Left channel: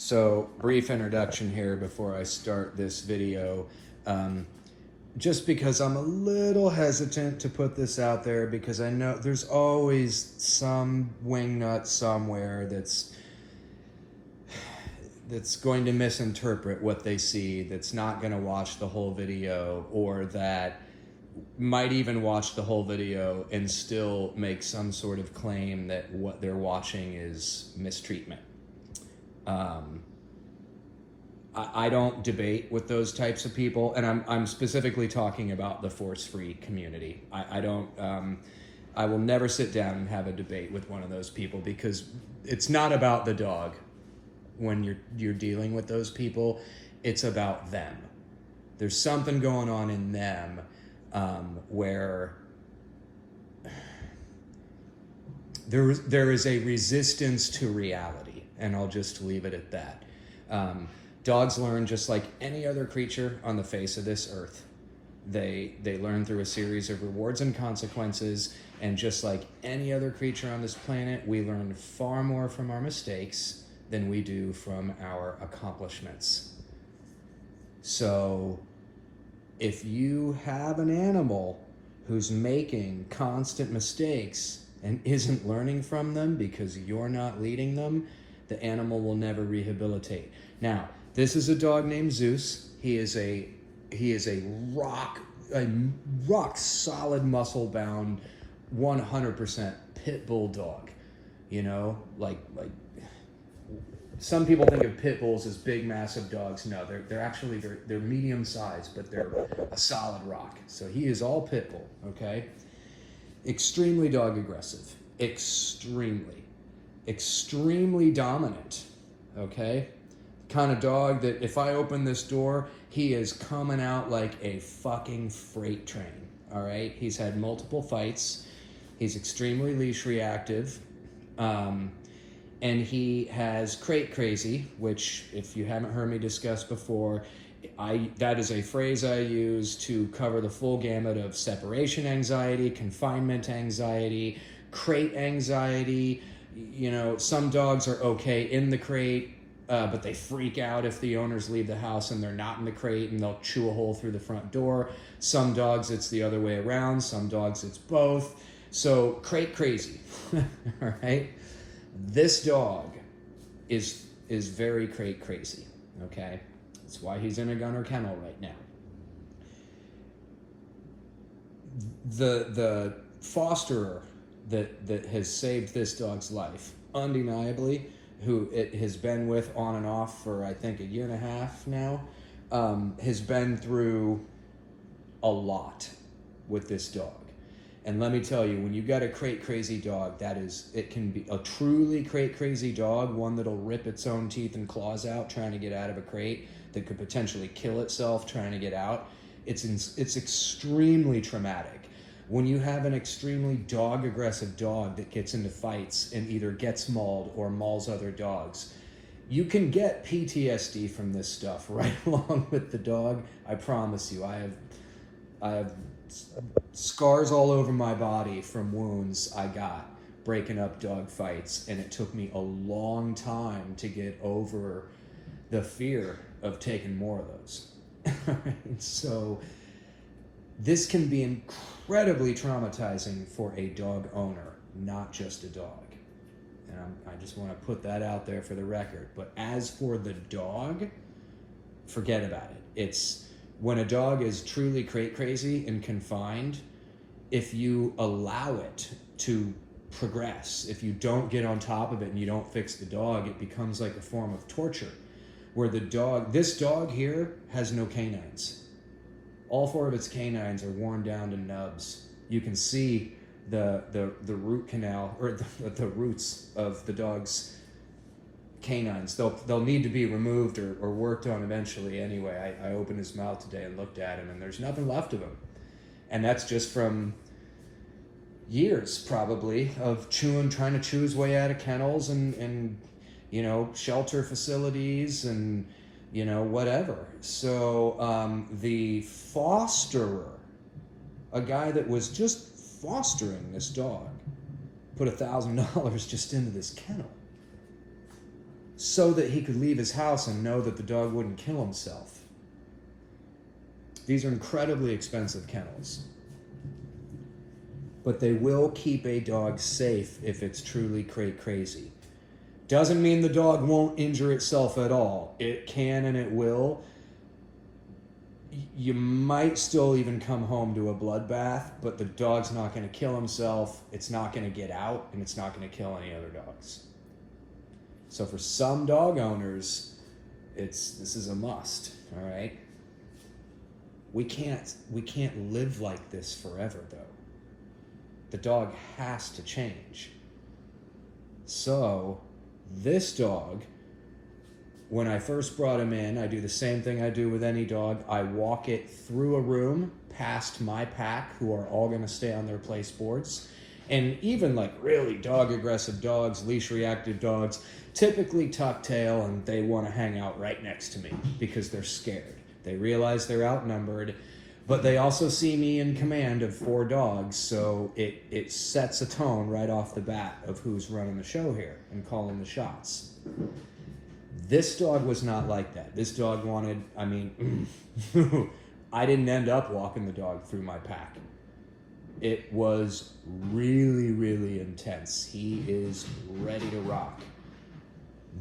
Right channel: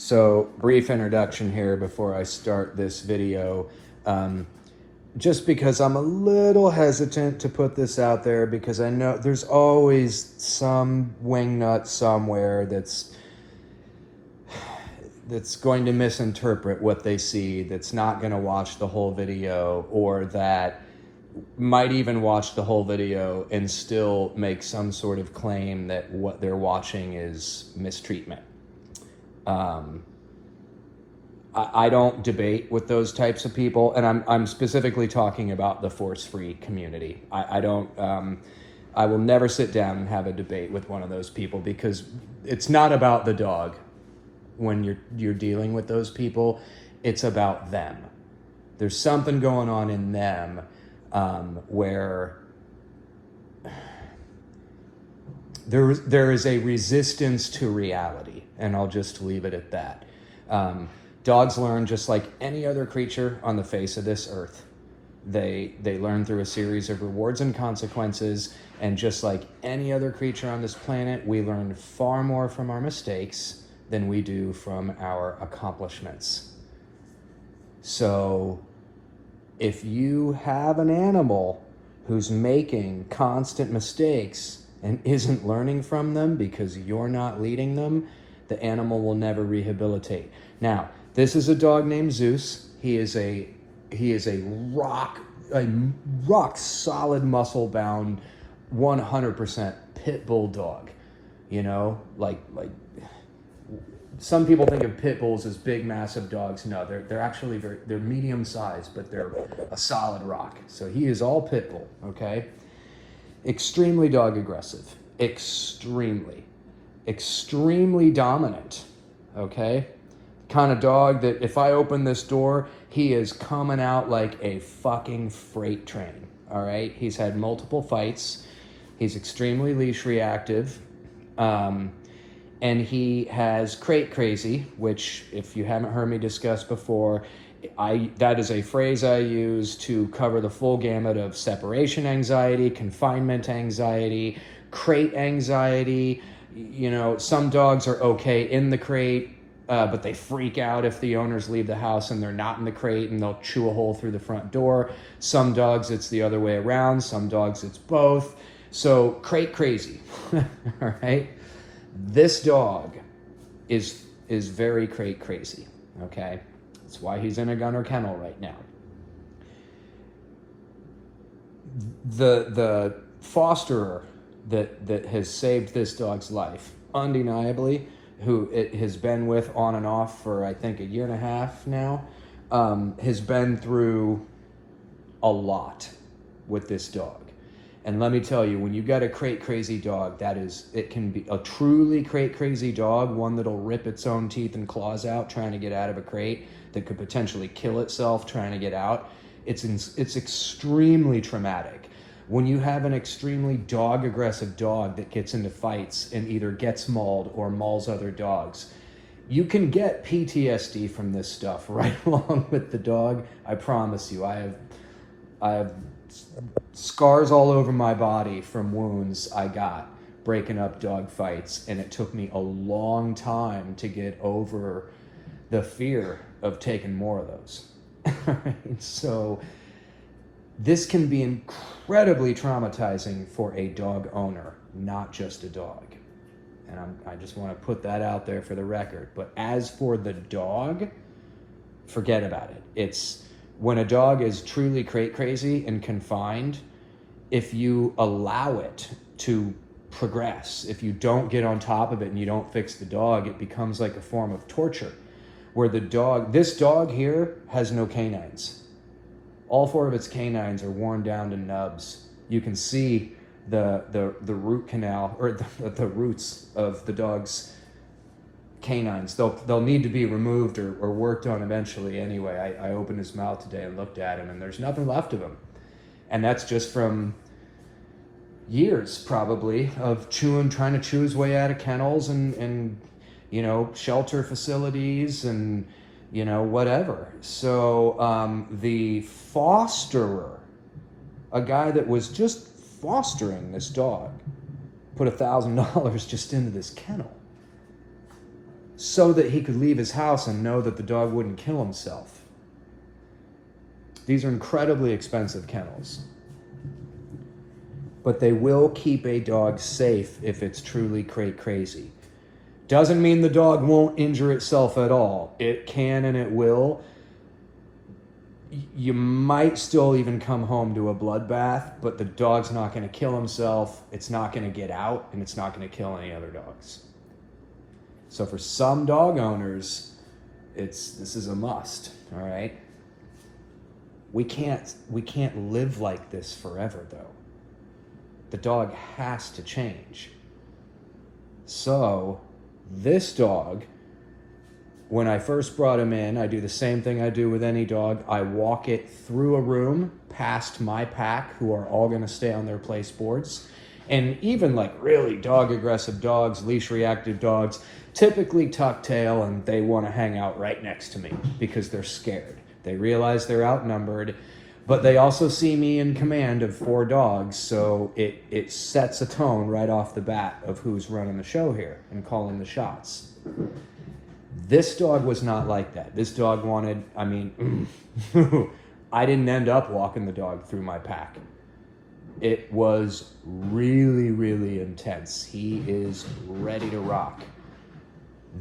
So, brief introduction here before I start this video. Just because I'm a little hesitant to put this out there because I know there's always some wingnut somewhere that's going to misinterpret what they see, that's not going to watch the whole video, or that might even watch the whole video and still make some sort of claim that what they're watching is mistreatment. I don't debate with those types of people, and I'm specifically talking about the force-free community. I don't, I will never sit down and have a debate with one of those people because it's not about the dog when you're dealing with those people. It's about them. There's something going on in them where there is a resistance to reality, and I'll just leave it at that. Dogs learn just like any other creature on the face of this earth. They learn through a series of rewards and consequences, and just like any other creature on this planet, we learn far more from our mistakes than we do from our accomplishments. So if you have an animal who's making constant mistakes and isn't learning from them because you're not leading them, the animal will never rehabilitate. Now, this is a dog named Zeus. He is a rock solid, muscle bound, 100% pit bull dog. You know, like some people think of pit bulls as big, massive dogs. No, they're actually they're medium sized, but they're a solid rock. So he is all pit bull. Okay, extremely dog aggressive, extremely dominant. Okay, kind of dog that if I open this door, he is coming out like a fucking freight train. All right, he's had multiple fights. He's extremely leash reactive. And he has crate crazy, which, if you haven't heard me discuss before, that is a phrase I use to cover the full gamut of separation anxiety, confinement anxiety, crate anxiety. You know, some dogs are okay in the crate, but they freak out if the owners leave the house and they're not in the crate, and they'll chew a hole through the front door. Some dogs, it's the other way around. Some dogs, it's both. So crate crazy, all right? This dog is very crate crazy, okay? That's why he's in a gunner kennel right now. The fosterer that has saved this dog's life, undeniably, who it has been with on and off for, I think, 1.5 years now, has been through a lot with this dog. And let me tell you, when you got a crate crazy dog, it can be a truly crate crazy dog, one that'll rip its own teeth and claws out trying to get out of a crate, that could potentially kill itself trying to get out. It's extremely traumatic. When you have an extremely dog aggressive dog that gets into fights and either gets mauled or mauls other dogs, you can get PTSD from this stuff right along with the dog. I promise you. I have scars all over my body from wounds I got breaking up dog fights, and it took me a long time to get over the fear of taking more of those. So this can be incredibly traumatizing for a dog owner, not just a dog. And I just want to put that out there for the record. But as for the dog, forget about it. It's when a dog is truly crate crazy and confined, if you allow it to progress, if you don't get on top of it and you don't fix the dog, it becomes like a form of torture. Where this dog here has no canines. All 4 of its canines are worn down to nubs. You can see the root canal, or the roots of the dog's canines. They'll need to be removed or worked on eventually anyway. I opened his mouth today and looked at him, and there's nothing left of him. And that's just from years, probably, of trying to chew his way out of kennels and you know, shelter facilities and, you know, whatever. So the fosterer, a guy that was just fostering this dog, put $1,000 just into this kennel. so that he could leave his house and know that the dog wouldn't kill himself. These are incredibly expensive kennels, but they will keep a dog safe if it's truly crate crazy. Doesn't mean the dog won't injure itself at all. It can and it will. You might still even come home to a bloodbath, but the dog's not going to kill himself, it's not going to get out, and it's not going to kill any other dogs. So for some dog owners, this is a must, all right? We can't live like this forever, though. The dog has to change. So this dog, when I first brought him in, I do the same thing I do with any dog. I walk it through a room past my pack, who are all going to stay on their place boards. And even like really dog aggressive dogs, leash reactive dogs, typically tuck tail, and they want to hang out right next to me because they're scared. They realize they're outnumbered, but they also see me in command of 4 dogs, so it sets a tone right off the bat of who's running the show here and calling the shots. This dog was not like that. This dog wanted, I didn't end up walking the dog through my pack. It was really, really intense. He is ready to rock.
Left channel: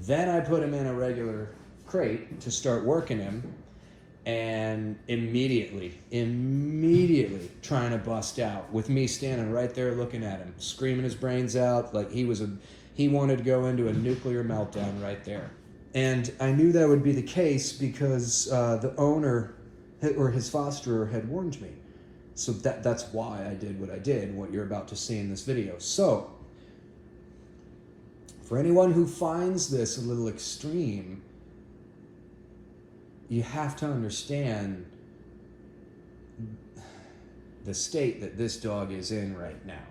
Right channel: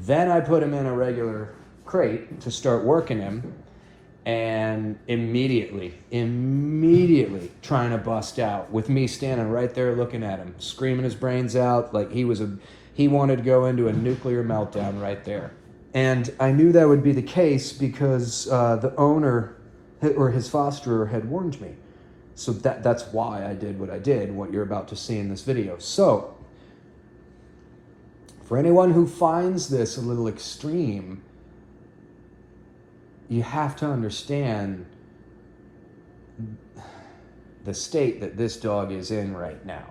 Then I put him in a regular crate to start working him, and immediately trying to bust out with me standing right there looking at him, screaming his brains out like he wanted to go into a nuclear meltdown right there. And I knew that would be the case because the owner or his fosterer had warned me. So that's why I did what I did, what you're about to see in this video. So for anyone who finds this a little extreme, you have to understand the state that this dog is in right now.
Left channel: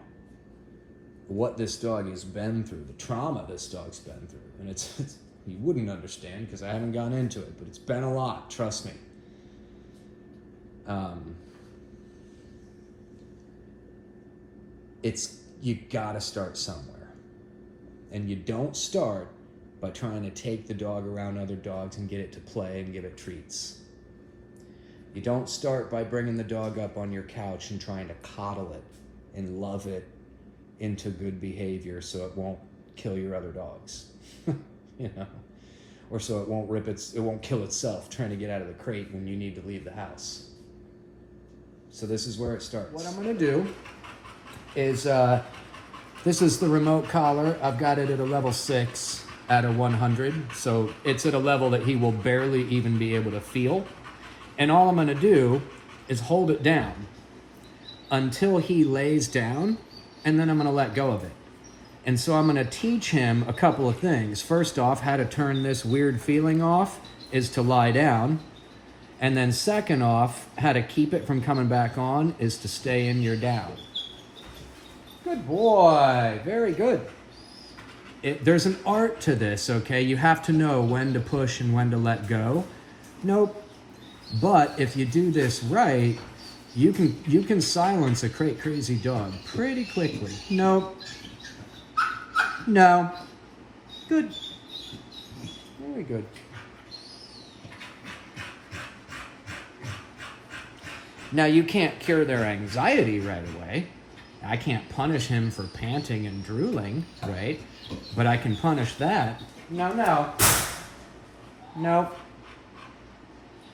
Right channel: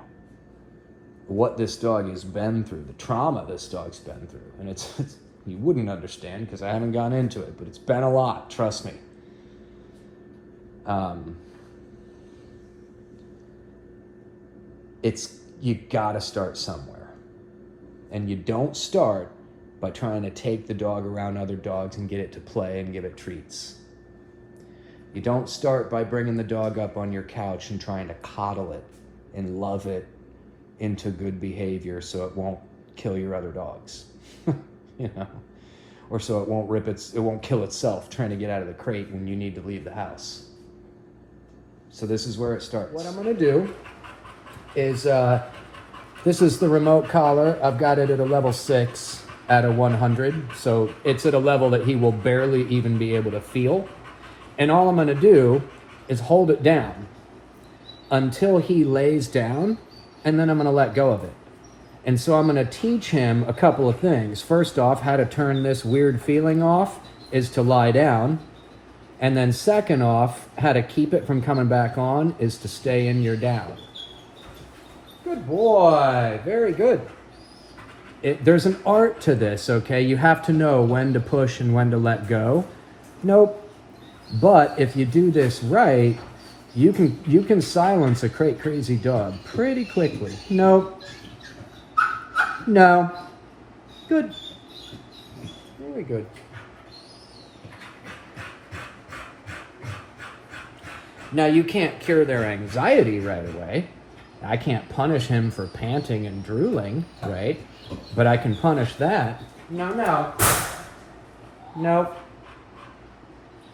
What this dog has been through, the trauma this dog's been through. And it's you wouldn't understand because I haven't gone into it, but it's been a lot, trust me. You gotta start somewhere. And you don't start by trying to take the dog around other dogs and get it to play and give it treats. You don't start by bringing the dog up on your couch and trying to coddle it and love it into good behavior so it won't kill your other dogs, you know, or so it won't kill itself trying to get out of the crate when you need to leave the house. So this is where it starts. What I'm gonna do is, this is the remote collar. I've got it at a level 6 out of 100. So it's at a level that he will barely even be able to feel. And all I'm gonna do is hold it down until he lays down, and then I'm gonna let go of it. And so I'm gonna teach him a couple of things. First off, how to turn this weird feeling off is to lie down. And then second off, how to keep it from coming back on is to stay in your down. Good boy, very good. There's an art to this, okay? You have to know when to push and when to let go. Nope. But if you do this right, you can silence a crate crazy dog pretty quickly. Nope. No. Good. Very good. Now you can't cure their anxiety right away. I can't punish him for panting and drooling, right? But I can punish that. No. Nope.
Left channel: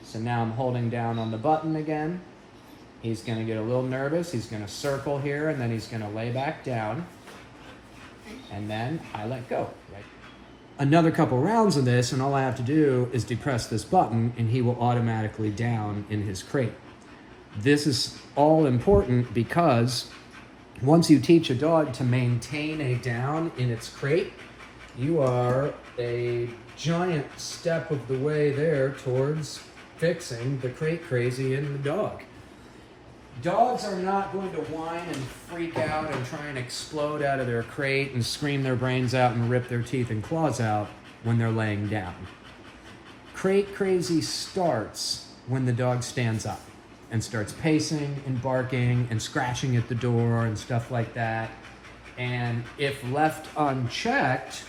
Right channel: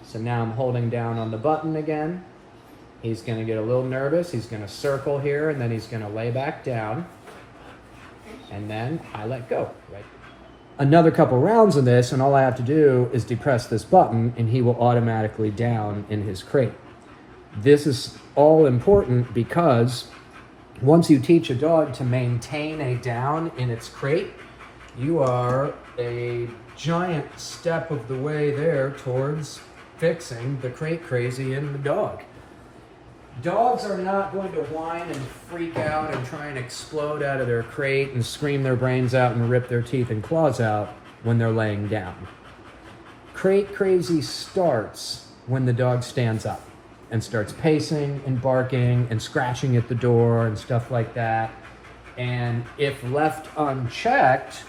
So now I'm holding down on the button again. He's gonna get a little nervous. He's gonna circle here, and then he's gonna lay back down. And then I let go, right? Another couple rounds of this, and all I have to do is depress this button, and he will automatically down in his crate. This is all important because once you teach a dog to maintain a down in its crate, you are a giant step of the way there towards fixing the crate crazy in the dog. Dogs are not going to whine and freak out and try and explode out of their crate and scream their brains out and rip their teeth and claws out when they're laying down. Crate crazy starts when the dog stands up and starts pacing and barking and scratching at the door and stuff like that. And if left unchecked,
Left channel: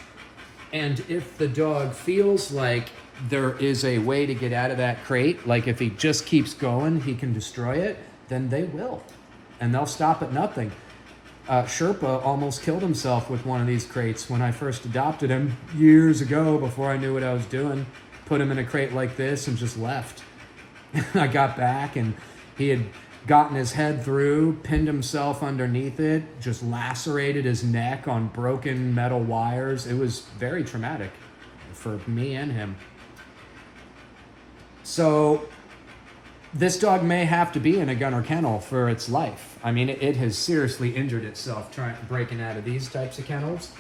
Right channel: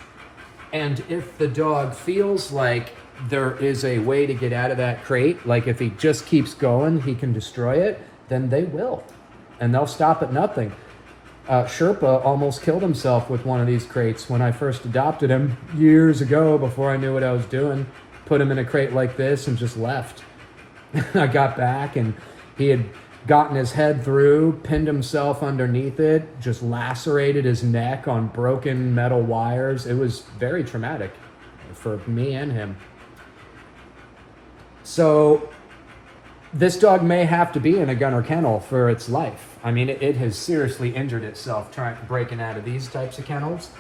And if the dog feels like there is a way to get out of that crate, like if he just keeps going, he can destroy it, then they will. And they'll stop at nothing. Sherpa almost killed himself with one of these crates when I first adopted him years ago, before I knew what I was doing. Put him in a crate like this and just left. I got back and he had gotten his head through, pinned himself underneath it, just lacerated his neck on broken metal wires. It was very traumatic for me and him. So this dog may have to be in a gunner kennel for its life. I mean, it has seriously injured itself breaking out of these types of kennels.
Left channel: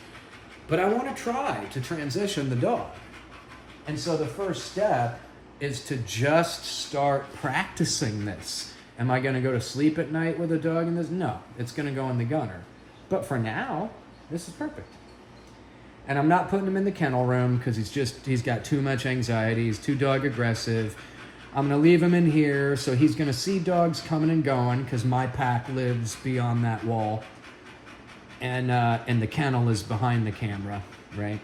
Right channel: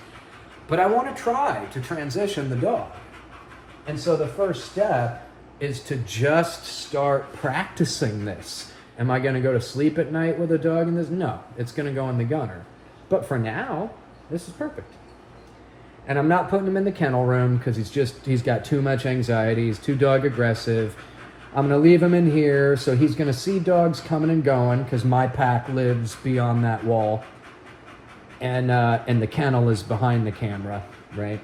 But I want to try to transition the dog. And so the first step is to just start practicing this. Am I going to go to sleep at night with a dog in this? No, it's going to go in the gunner. But for now, this is perfect. And I'm not putting him in the kennel room because he's got too much anxiety. He's too dog aggressive. I'm going to leave him in here, so he's going to see dogs coming and going because my pack lives beyond that wall. And the kennel is behind the camera, right?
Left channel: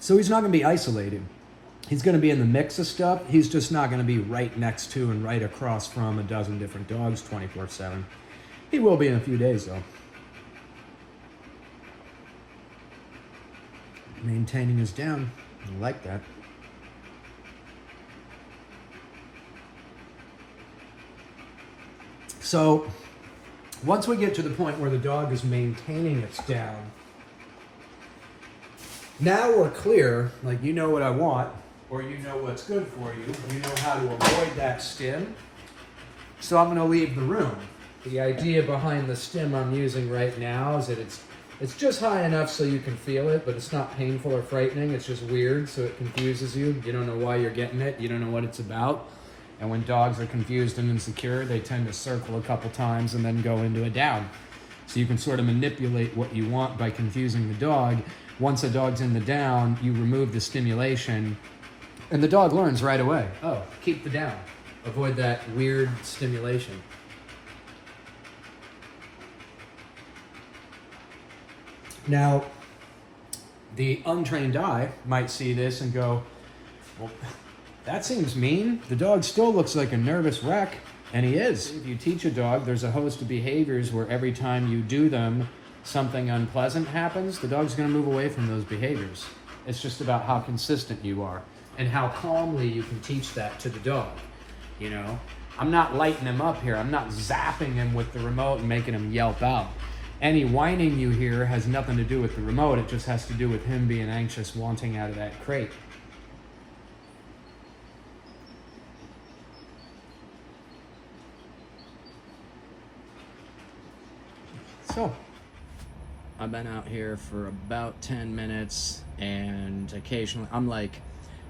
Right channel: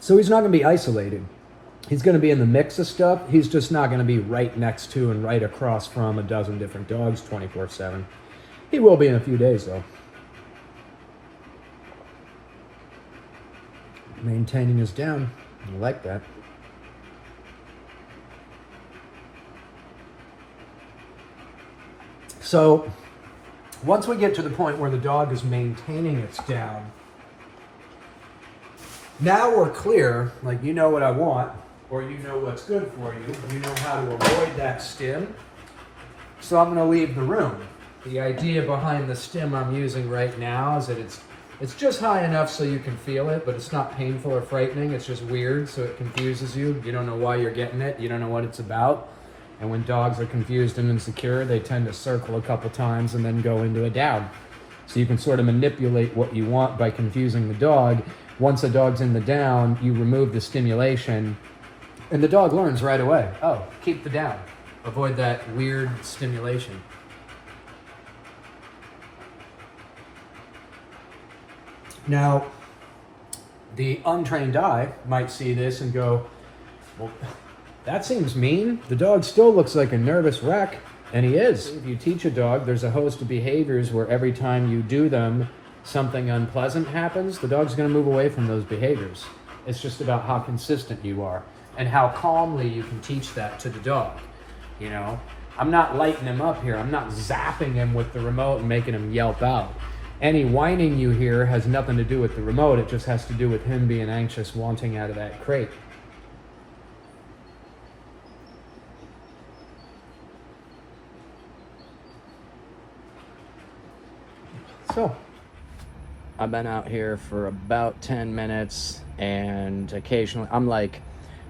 So he's not going to be isolated. He's going to be in the mix of stuff. He's just not going to be right next to and right across from a dozen different dogs 24/7. He will be in a few days, though. Maintaining his down. I like that. So once we get to the point where the dog is maintaining its down, now we're clear, like you know what I want, or you know what's good for you, you know how to avoid that stim. So I'm gonna leave the room. The idea behind the stim I'm using right now is that it's just high enough so you can feel it, but it's not painful or frightening, it's just weird, so it confuses you. You don't know why you're getting it, you don't know what it's about. And when dogs are confused and insecure, they tend to circle a couple times and then go into a down. So you can sort of manipulate what you want by confusing the dog. Once a dog's in the down, you remove the stimulation, and the dog learns right away. Oh, keep the down. Avoid that weird stimulation. Now, the untrained eye might see this and go, well, that seems mean. The dog still looks like a nervous wreck, and he is. If you teach a dog, there's a host of behaviors where every time you do them, something unpleasant happens. The dog's going to move away from those behaviors. It's just about how consistent you are and how calmly you can teach that to the dog. You know, I'm not lighting him up here. I'm not zapping him with the remote and making him yelp out. Any whining you hear has nothing to do with the remote. It just has to do with him being anxious, wanting out of that crate. So, I've been out here for about 10 minutes, and occasionally, I'm like,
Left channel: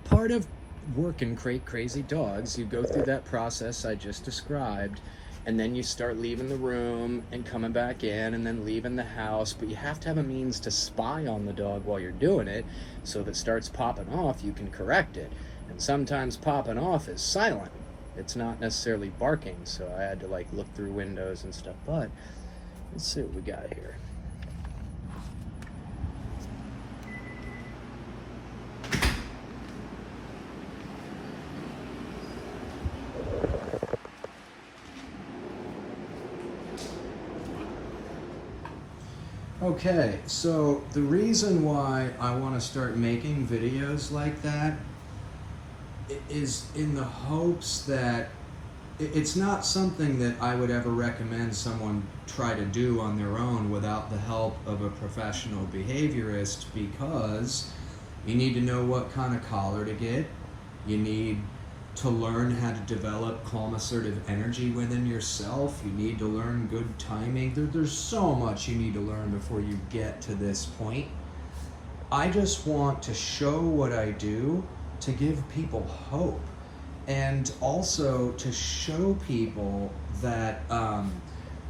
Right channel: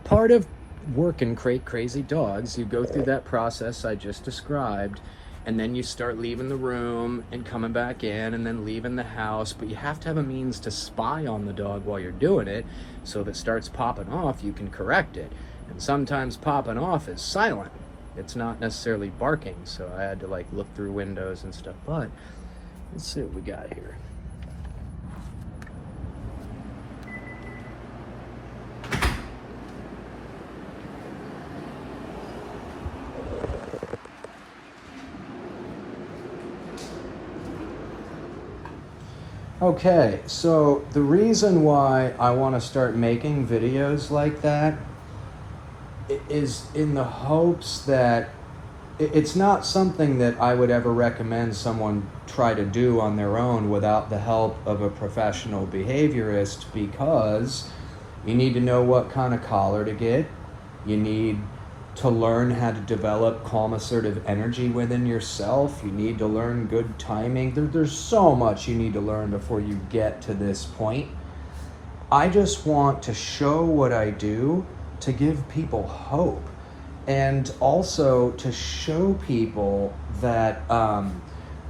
part of working crate crazy dogs, you go through that process I just described, and then you start leaving the room and coming back in and then leaving the house, but you have to have a means to spy on the dog while you're doing it, so if it starts popping off, you can correct it. And sometimes popping off is silent. It's not necessarily barking, so I had to like look through windows and stuff, but let's see what we got here. Okay, so the reason why I want to start making videos like that is in the hopes that it's not something that I would ever recommend someone try to do on their own without the help of a professional behaviorist, because you need to know what kind of collar to get. You need to learn how to develop calm, assertive energy within yourself. You need to learn good timing. There's so much you need to learn before you get to this point. I just want to show what I do to give people hope, and also to show people that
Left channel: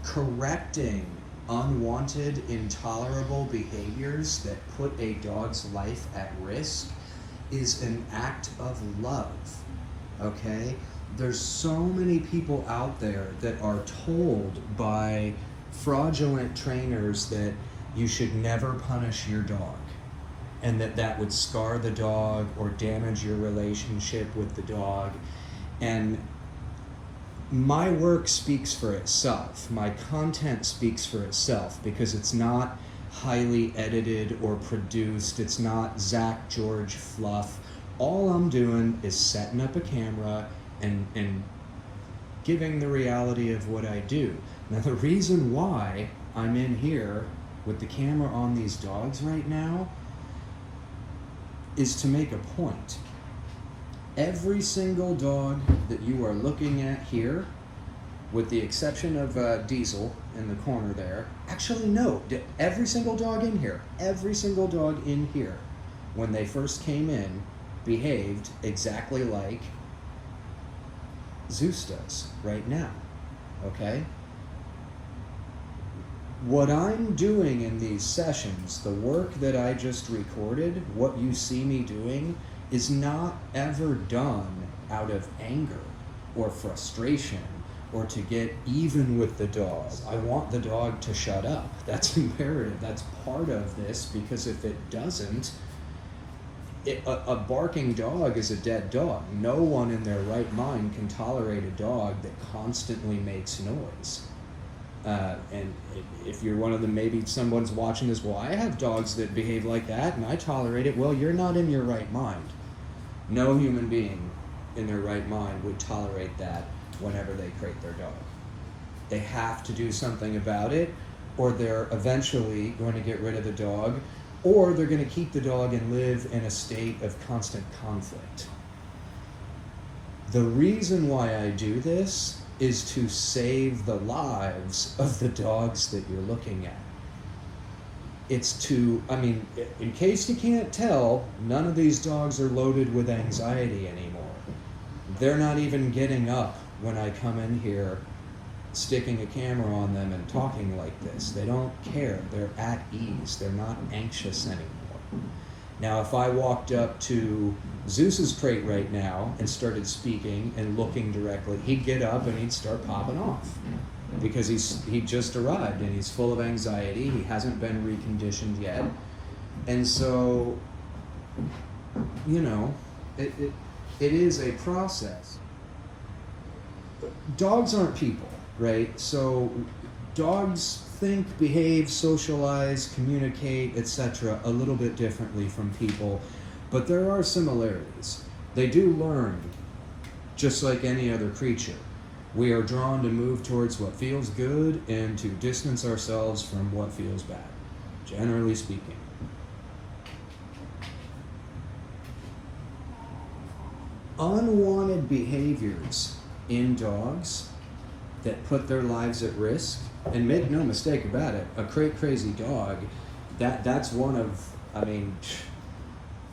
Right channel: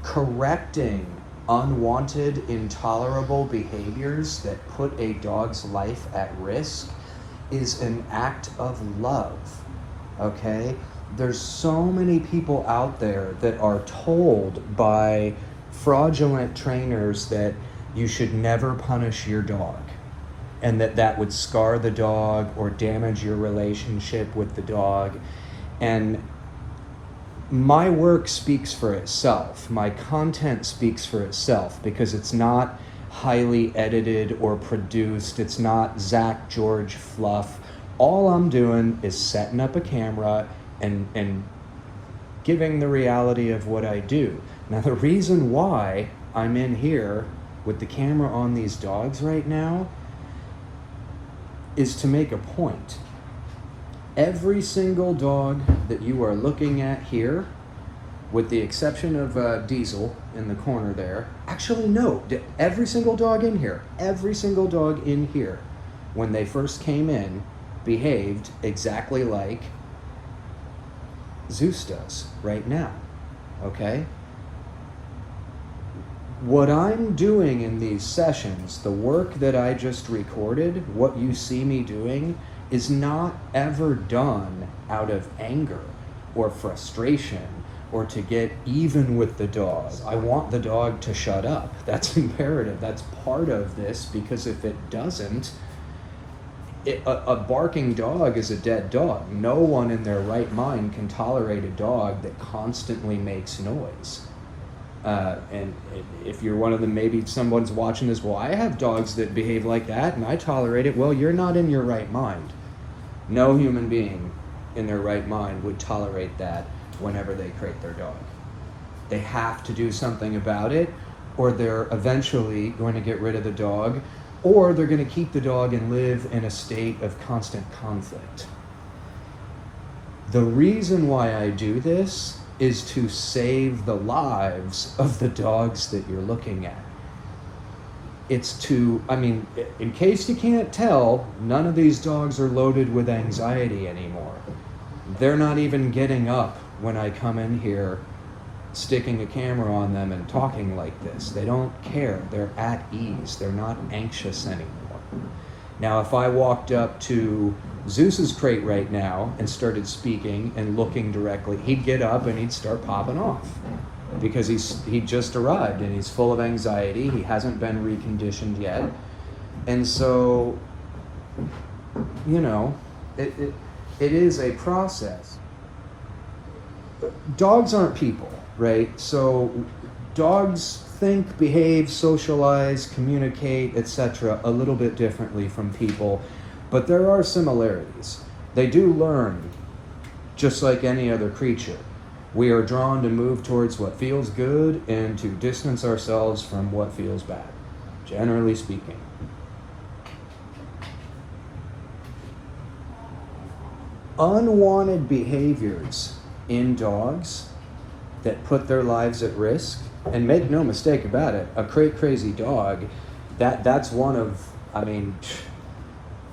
correcting unwanted, intolerable behaviors that put a dog's life at risk is an act of love. Okay? There's so many people out there that are told by fraudulent trainers that you should never punish your dog, and that would scar the dog or damage your relationship with the dog. And my work speaks for itself. My content speaks for itself because it's not highly edited or produced. It's not Zach George fluff. All I'm doing is setting up a camera and giving the reality of what I do. Now, the reason why I'm in here with the camera on these dogs right now is to make a point. Every single dog that you are looking at here, with the exception of Diesel in the corner there, actually no, every single dog in here, when they first came in, behaved exactly like Zeus does right now, okay? What I'm doing in these sessions, the work that I just recorded, what you see me doing, is not ever done out of anger or frustration or to get even with the dog. I want the dog to shut up. That's imperative. That's part of this, because if it doesn't, a barking dog is a dead dog. No one in their right mind can tolerate a dog that constantly makes noise. And if you're one of them, maybe someone's watching this, well, I have dogs that behave like that and I tolerate it. Well, you're not in your right mind. No human being in their right mind would tolerate that whenever they crate their dog. They have to do something about it, or they're eventually going to get rid of the dog, or they're going to keep the dog and live in a state of constant conflict. The reason why I do this is to save the lives of the dogs that you're looking at. It's to, I mean, in case you can't tell, none of these dogs are loaded with anxiety anymore. They're not even getting up when I come in here, sticking a camera on them and talking like this. They don't care. They're at ease. They're not anxious anymore. Now, if I walked up to Zeus's crate right now and started speaking and looking directly, he'd get up and he'd start popping off because he just arrived and he's full of anxiety. He hasn't been reconditioned yet. And so, you know, it is a process. Dogs aren't people, right? So dogs think, behave, socialize, communicate, etc. a little bit differently from people, but there are similarities. They do learn just like any other creature. We are drawn to move towards what feels good and to distance ourselves from what feels bad, generally speaking. Unwanted behaviors in dogs that put their lives at risk, and make no mistake about it, a crate crazy dog, that's one of, I mean,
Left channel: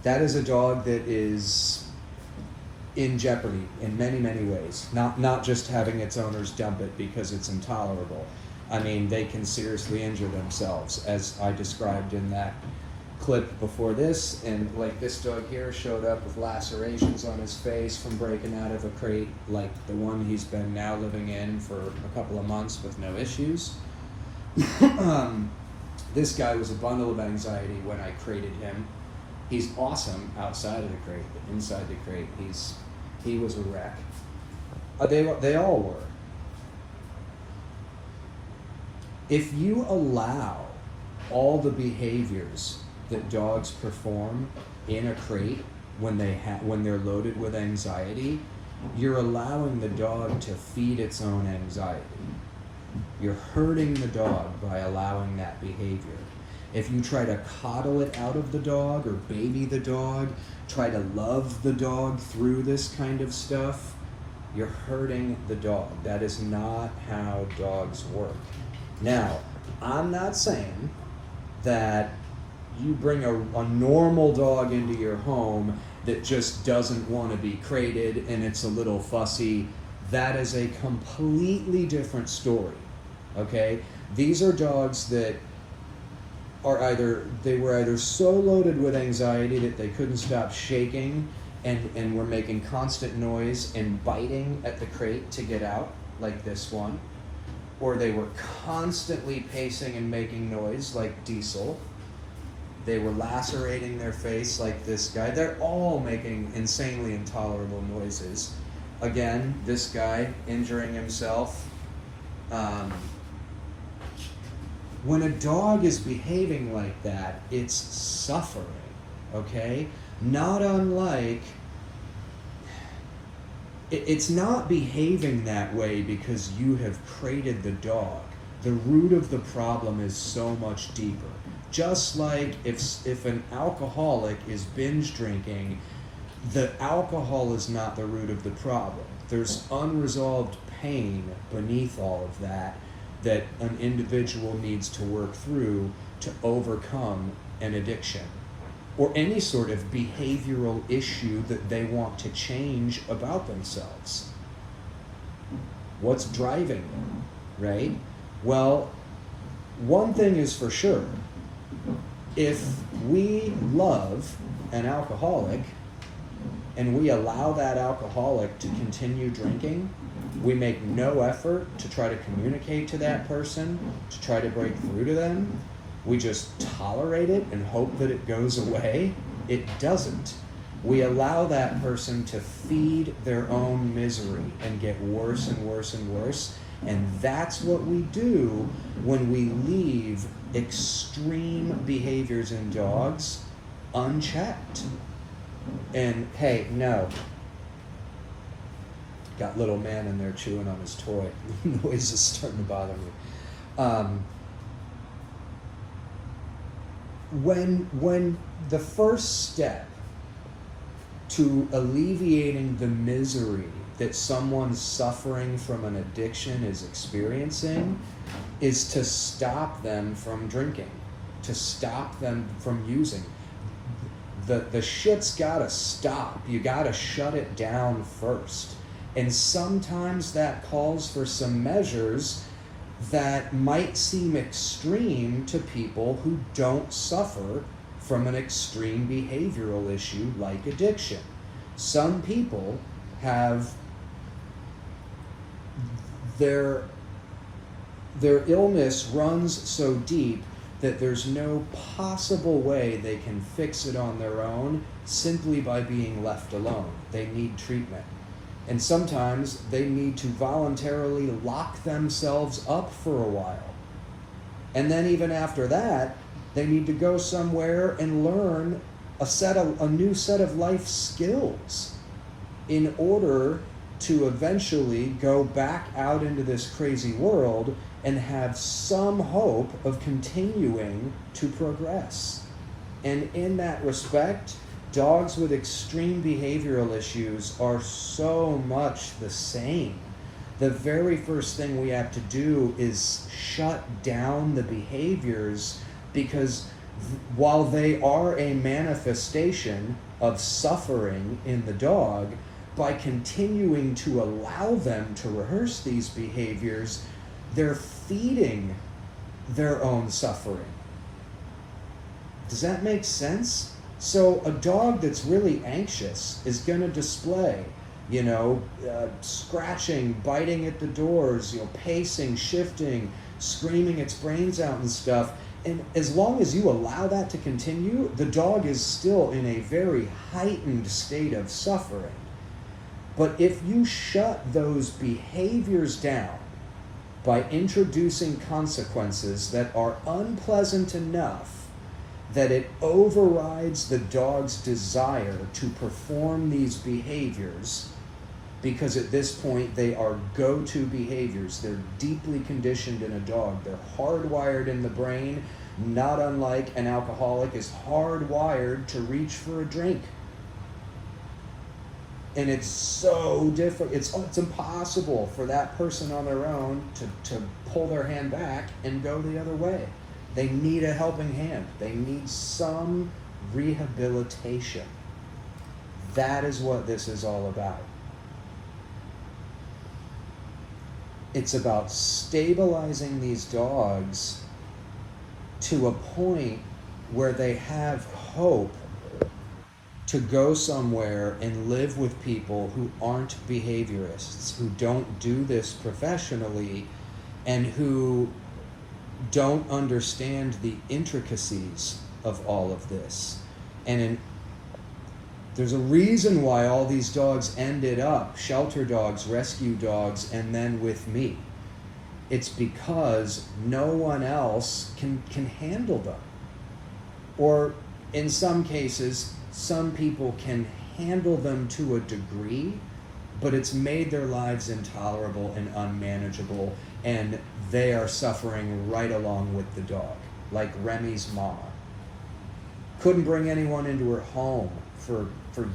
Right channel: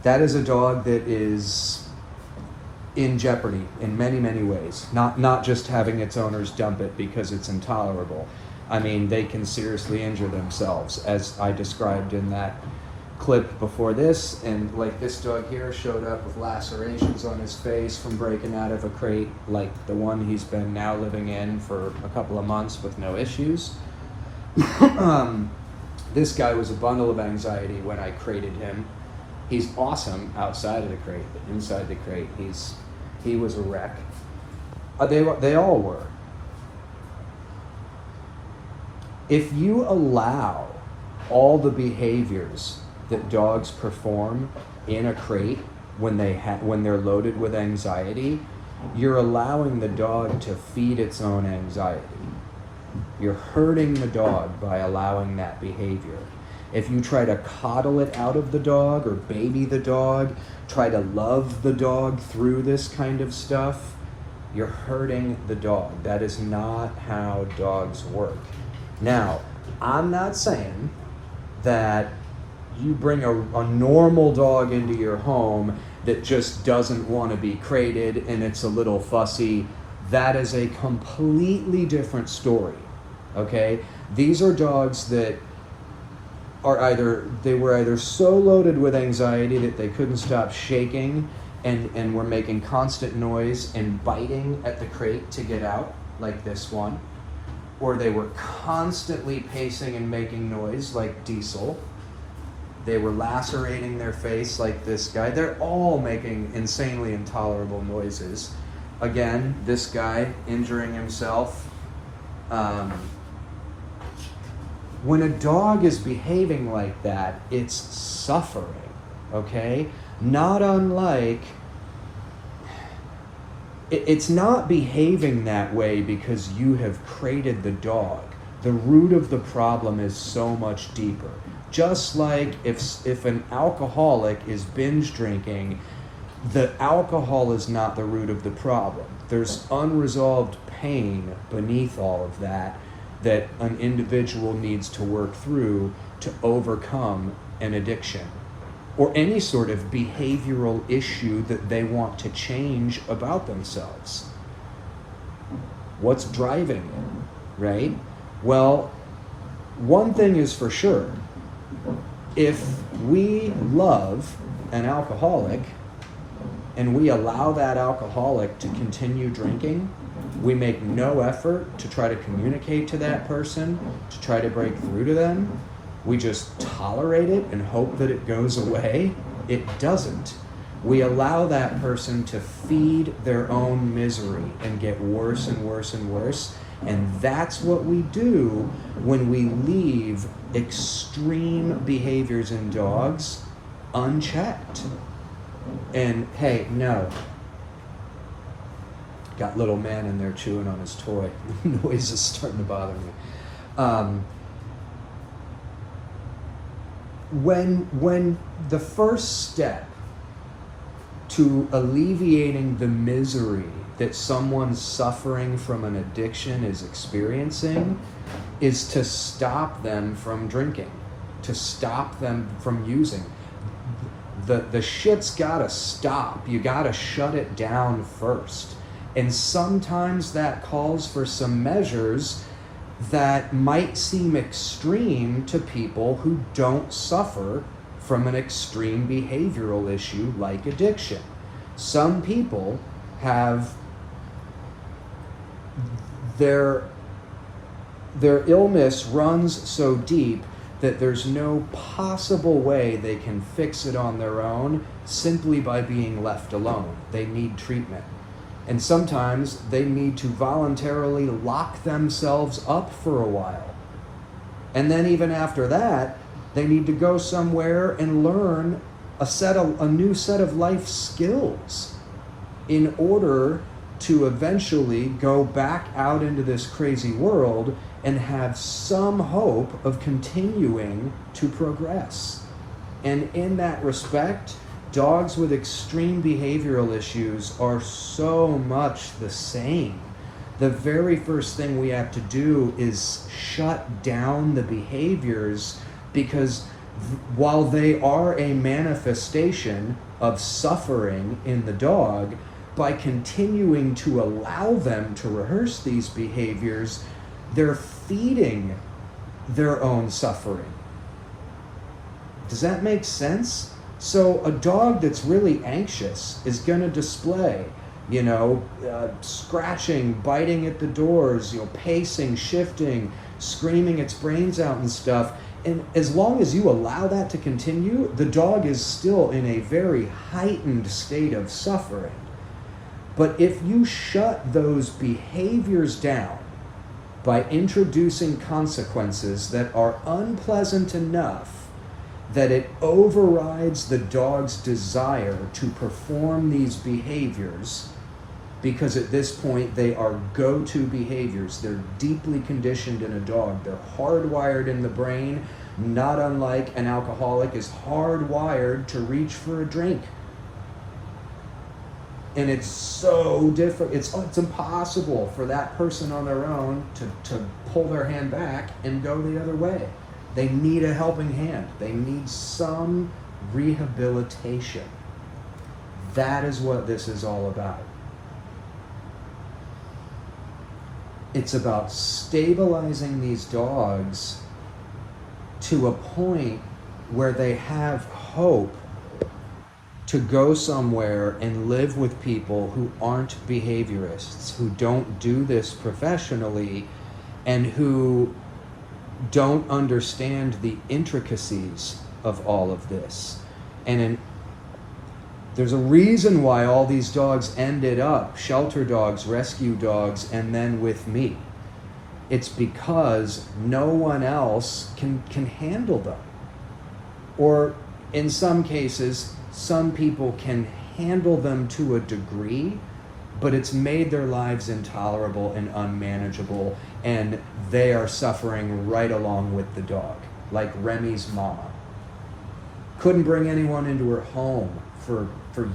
that is a dog that is in jeopardy in many, many ways. Not just having its owners dump it because it's intolerable. I mean, they can seriously injure themselves, as I described in that clip before this. And like this dog here showed up with lacerations on his face from breaking out of a crate like the one he's been now living in for a couple of months with no issues. This guy was a bundle of anxiety when I crated him. He's awesome outside of the crate, but inside the crate, he was a wreck. They all were. If you allow all the behaviors that dogs perform in a crate when they're loaded with anxiety, you're allowing the dog to feed its own anxiety. You're hurting the dog by allowing that behavior. If you try to coddle it out of the dog or baby the dog, try to love the dog through this kind of stuff, you're hurting the dog. That is not how dogs work. Now, I'm not saying that you bring a normal dog into your home that just doesn't want to be crated and it's a little fussy. That is a completely different story, okay? These are dogs that are were either so loaded with anxiety that they couldn't stop shaking and were making constant noise and biting at the crate to get out, like this one, or they were constantly pacing and making noise like Diesel. They were lacerating their face like this guy. They're all making insanely intolerable noises. Again, this guy injuring himself. When a dog is behaving like that, it's suffering, okay? Not unlike, it's not behaving that way because you have created the dog. The root of the problem is so much deeper. Just like if an alcoholic is binge drinking, the alcohol is not the root of the problem. There's unresolved pain beneath all of that an individual needs to work through to overcome an addiction or any sort of behavioral issue that they want to change about themselves. What's driving it, right? Well, one thing is for sure. If we love an alcoholic and we allow that alcoholic to continue drinking, we make no effort to try to communicate to that person, to try to break through to them. We just tolerate it and hope that it goes away. It doesn't. We allow that person to feed their own misery and get worse and worse and worse. And that's what we do when we leave extreme behaviors in dogs unchecked. And hey, no. Got little man in there chewing on his toy. Noise is starting to bother me. When the first step to alleviating the misery that someone suffering from an addiction is experiencing is to stop them from drinking, to stop them from using. The shit's gotta stop. You gotta shut it down first. And sometimes that calls for some measures that might seem extreme to people who don't suffer from an extreme behavioral issue like addiction. Some people have their illness runs so deep that there's no possible way they can fix it on their own simply by being left alone. They need treatment. And sometimes they need to voluntarily lock themselves up for a while. And then even after that, they need to go somewhere and learn a new set of life skills in order to eventually go back out into this crazy world and have some hope of continuing to progress. And in that respect, dogs with extreme behavioral issues are so much the same. The very first thing we have to do is shut down the behaviors, because while they are a manifestation of suffering in the dog, by continuing to allow them to rehearse these behaviors, they're feeding their own suffering. Does that make sense? So a dog that's really anxious is going to display, scratching, biting at the doors, pacing, shifting, screaming its brains out and stuff. And as long as you allow that to continue, the dog is still in a very heightened state of suffering. But if you shut those behaviors down by introducing consequences that are unpleasant enough that it overrides the dog's desire to perform these behaviors, because at this point they are go-to behaviors. They're deeply conditioned in a dog. They're hardwired in the brain, not unlike an alcoholic is hardwired to reach for a drink. And it's so different. It's impossible for that person on their own to pull their hand back and go the other way. They need a helping hand. They need some rehabilitation. That is what this is all about. It's about stabilizing these dogs to a point where they have hope to go somewhere and live with people who aren't behaviorists, who don't do this professionally, and who don't understand the intricacies of all of this. And there's a reason why all these dogs ended up shelter dogs, rescue dogs, and then with me. It's because no one else can handle them. Or in some cases, some people can handle them to a degree, but it's made their lives intolerable and unmanageable, and they are suffering right along with the dog. Like Remy's mom. Couldn't bring anyone into her home for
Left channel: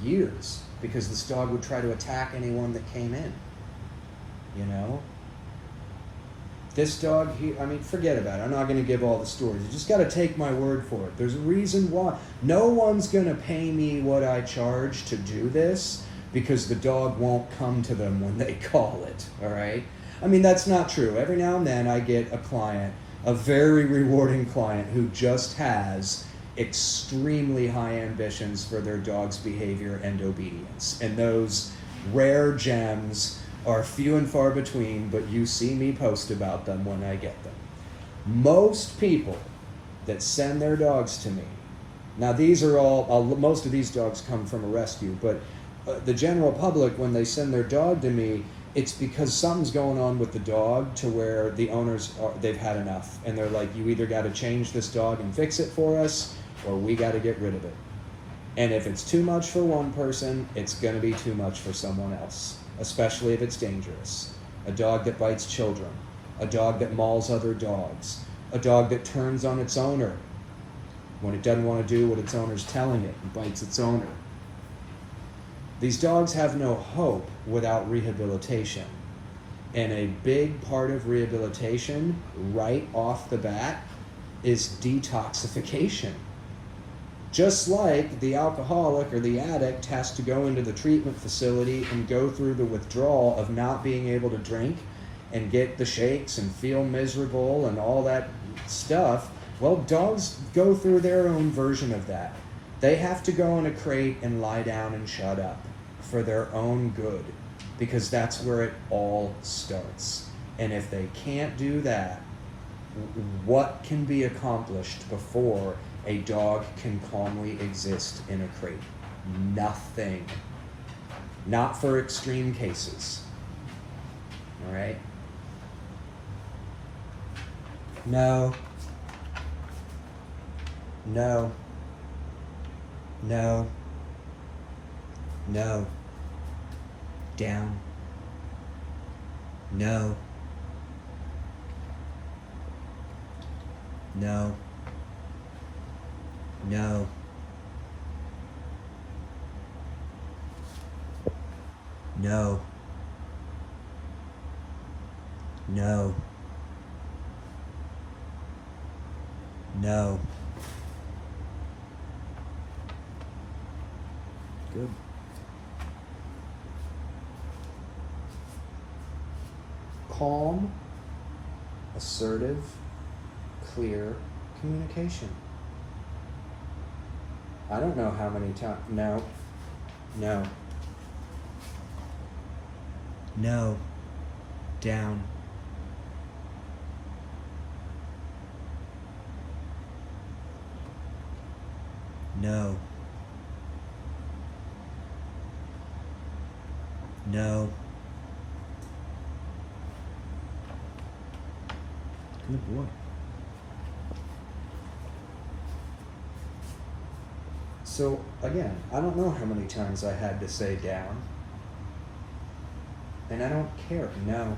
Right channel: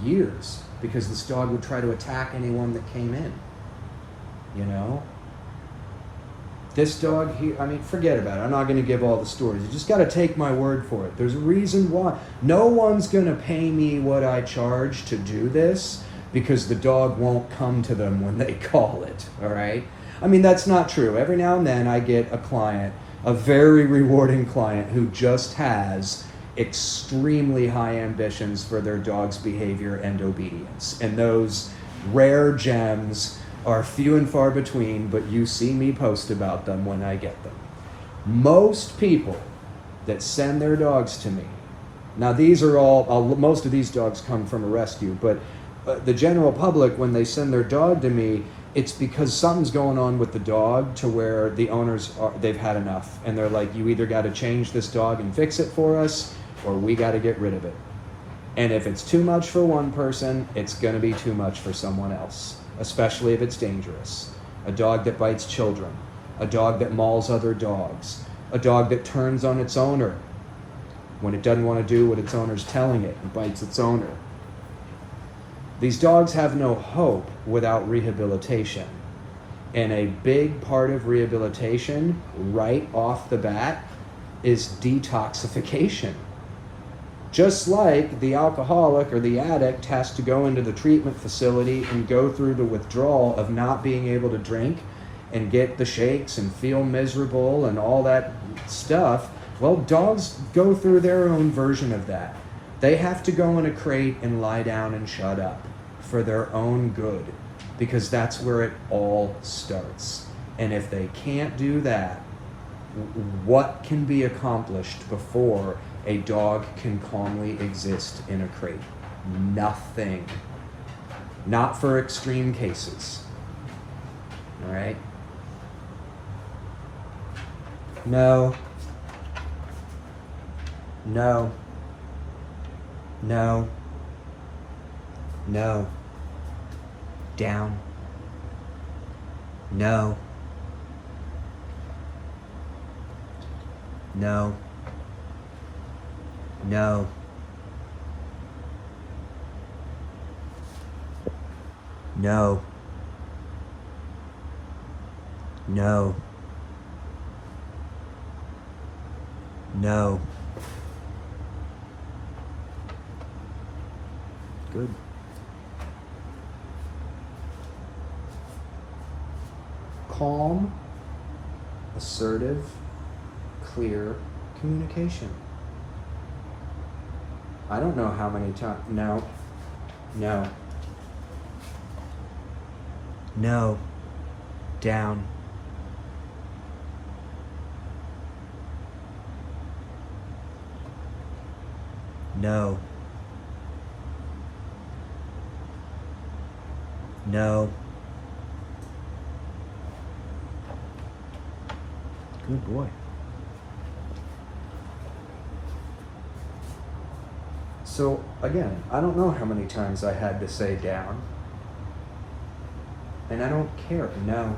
years because this dog would try to attack anyone that came in. You know? This dog here, I mean, forget about it. I'm not going to give all the stories. You just got to take my word for it. There's a reason why. No one's going to pay me what I charge to do this because the dog won't come to them when they call it, all right? I mean, that's not true. Every now and then I get a client, a very rewarding client who just has extremely high ambitions for their dog's behavior and obedience. And those rare gems are few and far between, but you see me post about them when I get them. Most people that send their dogs to me, now these are all, most of these dogs come from a rescue, but the general public, when they send their dog to me, it's because something's going on with the dog to where the owners, they've had enough. And they're like, you either got to change this dog and fix it for us, or we got to get rid of it. And if it's too much for one person, it's going to be too much for someone else, especially if it's dangerous. A dog that bites children, a dog that mauls other dogs, a dog that turns on its owner when it doesn't want to do what its owner's telling it and bites its owner. These dogs have no hope without rehabilitation. And a big part of rehabilitation, right off the bat, is detoxification. Just like the alcoholic or the addict has to go into the treatment facility and go through the withdrawal of not being able to drink and get the shakes and feel miserable and all that stuff, well, dogs go through their own version of that. They have to go in a crate and lie down and shut up for their own good, because that's where it all starts. And if they can't do that, what can be accomplished before a dog can calmly exist in a crate? Nothing. Not for extreme cases. All right? No. No. No. No. Down. No. No. No. No. No. No. Good. Calm, assertive, clear communication. I don't know how many times. No. No. No. Down. No. No. Good boy. So again, I don't know how many times I had to say down. And I don't care. No.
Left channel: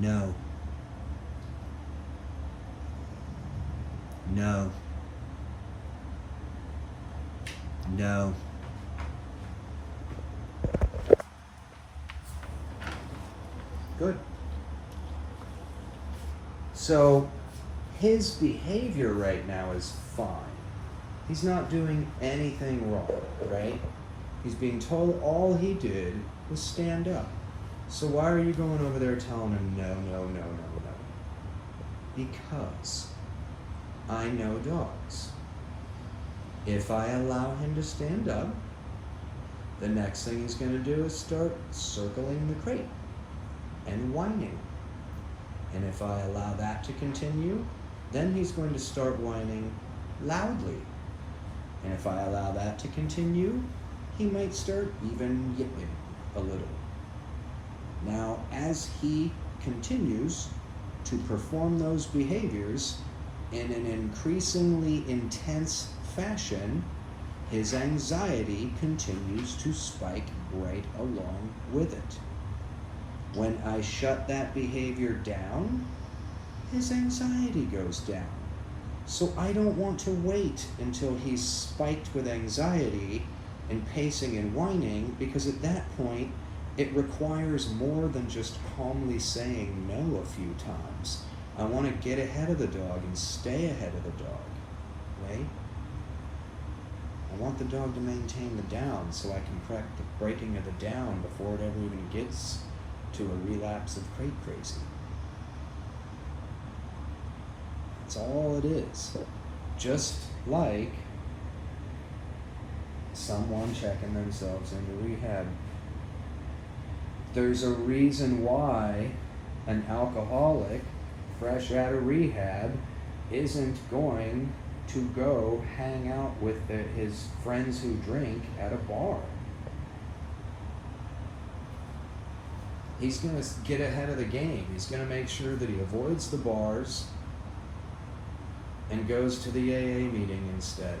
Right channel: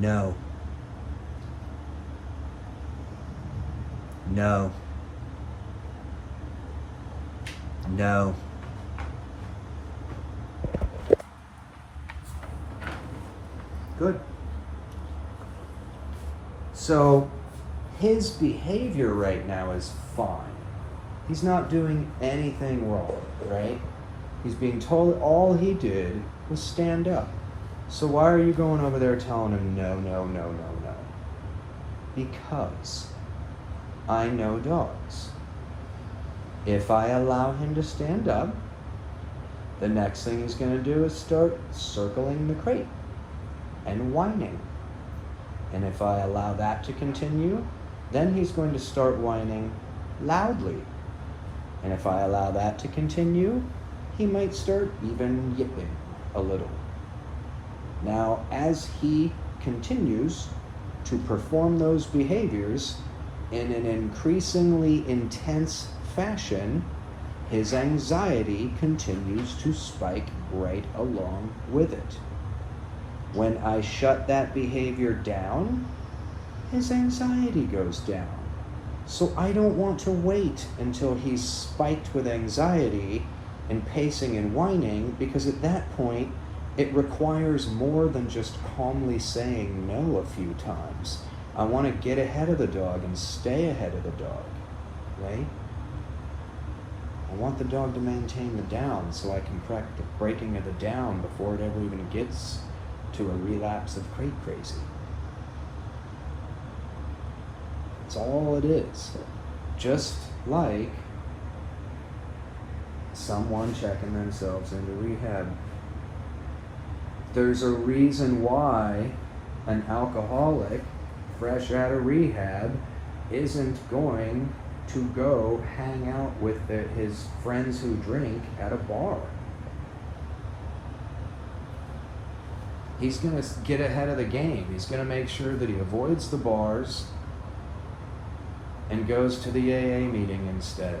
No. No. No. Good. So his behavior right now is fine. He's not doing anything wrong, right? He's being told all he did was stand up. So why are you going over there telling him no, no, no, no, no? Because I know dogs. If I allow him to stand up, the next thing he's going to do is start circling the crate. and whining. And if I allow that to continue, then he's going to start whining loudly. And if I allow that to continue, he might start even yipping a little. Now, as he continues to perform those behaviors in an increasingly intense fashion, his anxiety continues to spike right along with it. When I shut that behavior down, his anxiety goes down. So I don't want to wait until he's spiked with anxiety and pacing and whining, because at that point, it requires more than just calmly saying no a few times. I want to get ahead of the dog and stay ahead of the dog, right? I want the dog to maintain the down so I can correct the breaking of the down before it ever even gets to a relapse of crate crazy. That's all it is. Just like someone checking themselves into rehab. There's a reason why an alcoholic fresh out of rehab isn't going to go hang out with his friends who drink at a bar. He's going to get ahead of the game. He's going to make sure that he avoids the bars and goes to the AA meeting instead.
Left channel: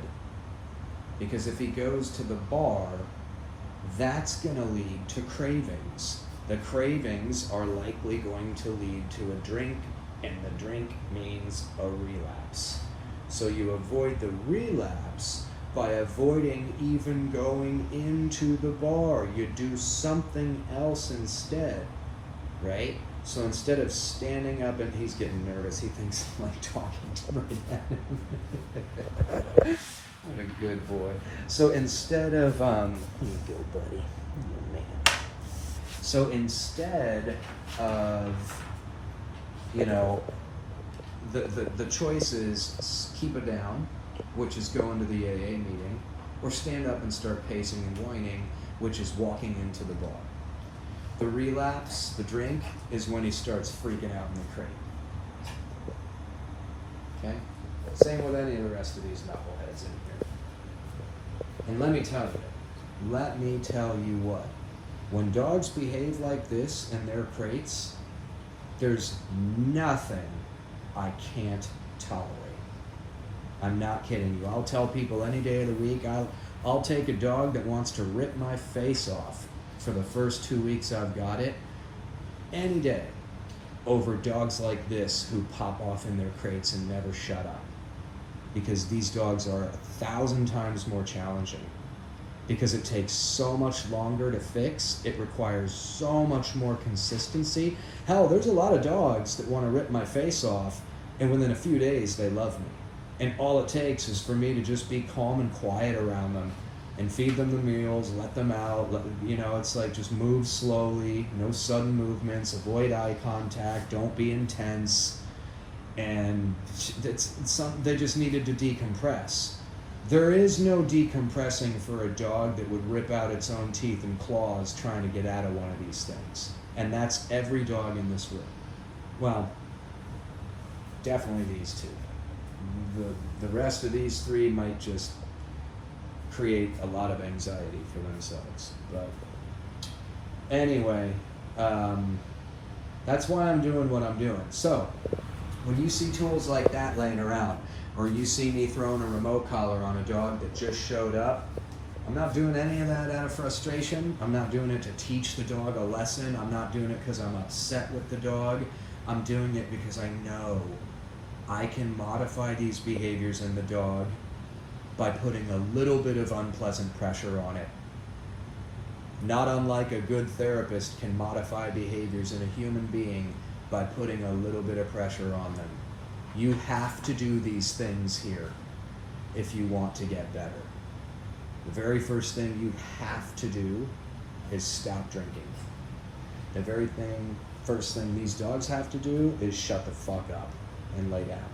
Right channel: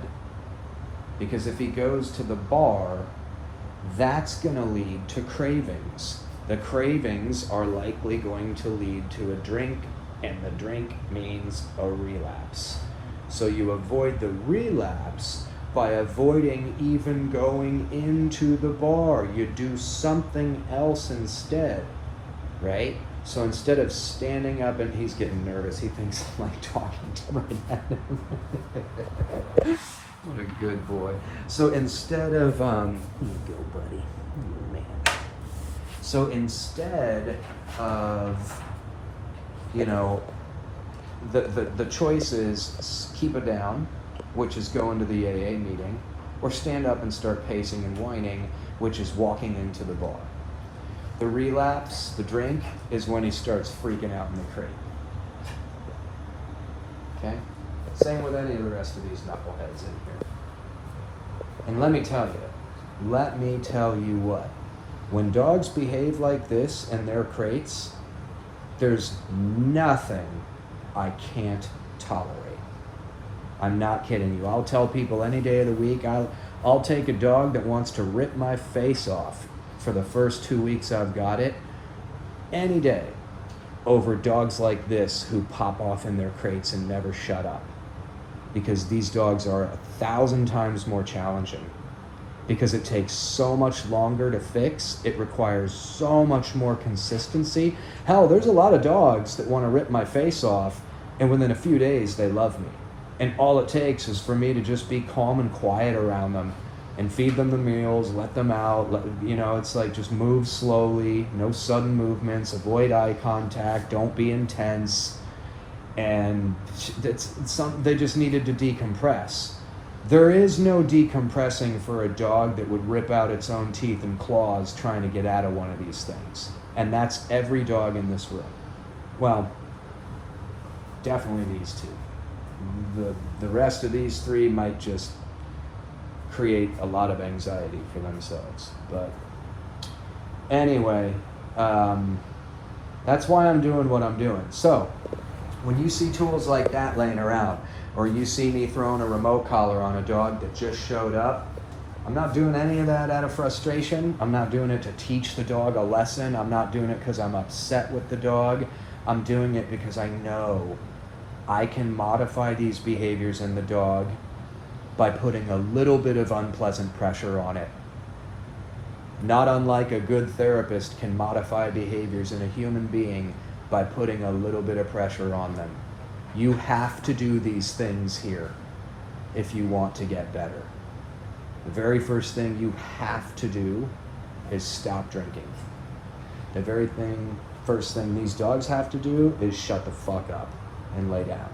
Because if he goes to the bar, that's going to lead to cravings. The cravings are likely going to lead to a drink, and the drink means a relapse. So you avoid the relapse by avoiding even going into the bar. You do something else instead, right? So instead of standing up, and he's getting nervous, he thinks I'm like talking right at him. What a good boy. So instead of, you good buddy. So instead of, you know, the choice is keep it down, which is go into the AA meeting, or stand up and start pacing and whining, which is walking into the bar. The relapse, the drink, is when he starts freaking out in the crate. Okay? Same with any of the rest of these knuckleheads in here. And let me tell you what. When dogs behave like this in their crates, there's nothing I can't tolerate. I'm not kidding you. I'll tell people any day of the week, I'll take a dog that wants to rip my face off for the first 2 weeks I've got it, any day, over dogs like this who pop off in their crates and never shut up. Because these dogs are 1,000 times more challenging. Because it takes so much longer to fix, it requires so much more consistency. Hell, there's a lot of dogs that want to rip my face off, and within a few days, they love me. And all it takes is for me to just be calm and quiet around them and feed them the meals, let them out. It's like just move slowly, no sudden movements, avoid eye contact, don't be intense. And they just needed to decompress. There is no decompressing for a dog that would rip out its own teeth and claws trying to get out of one of these things. And that's every dog in this room. Well, definitely these two. The rest of these three might just create a lot of anxiety for themselves. But anyway, that's why I'm doing what I'm doing. So when you see tools like that laying around, or you see me throwing a remote collar on a dog that just showed up, I'm not doing any of that out of frustration. I'm not doing it to teach the dog a lesson. I'm not doing it because I'm upset with the dog. I'm doing it because I know I can modify these behaviors in the dog by putting a little bit of unpleasant pressure on it. Not unlike a good therapist can modify behaviors in a human being by putting a little bit of pressure on them. You have to do these things here if you want to get better. The very first thing you have to do is stop drinking. The very first thing these dogs have to do is shut the fuck up and lay down.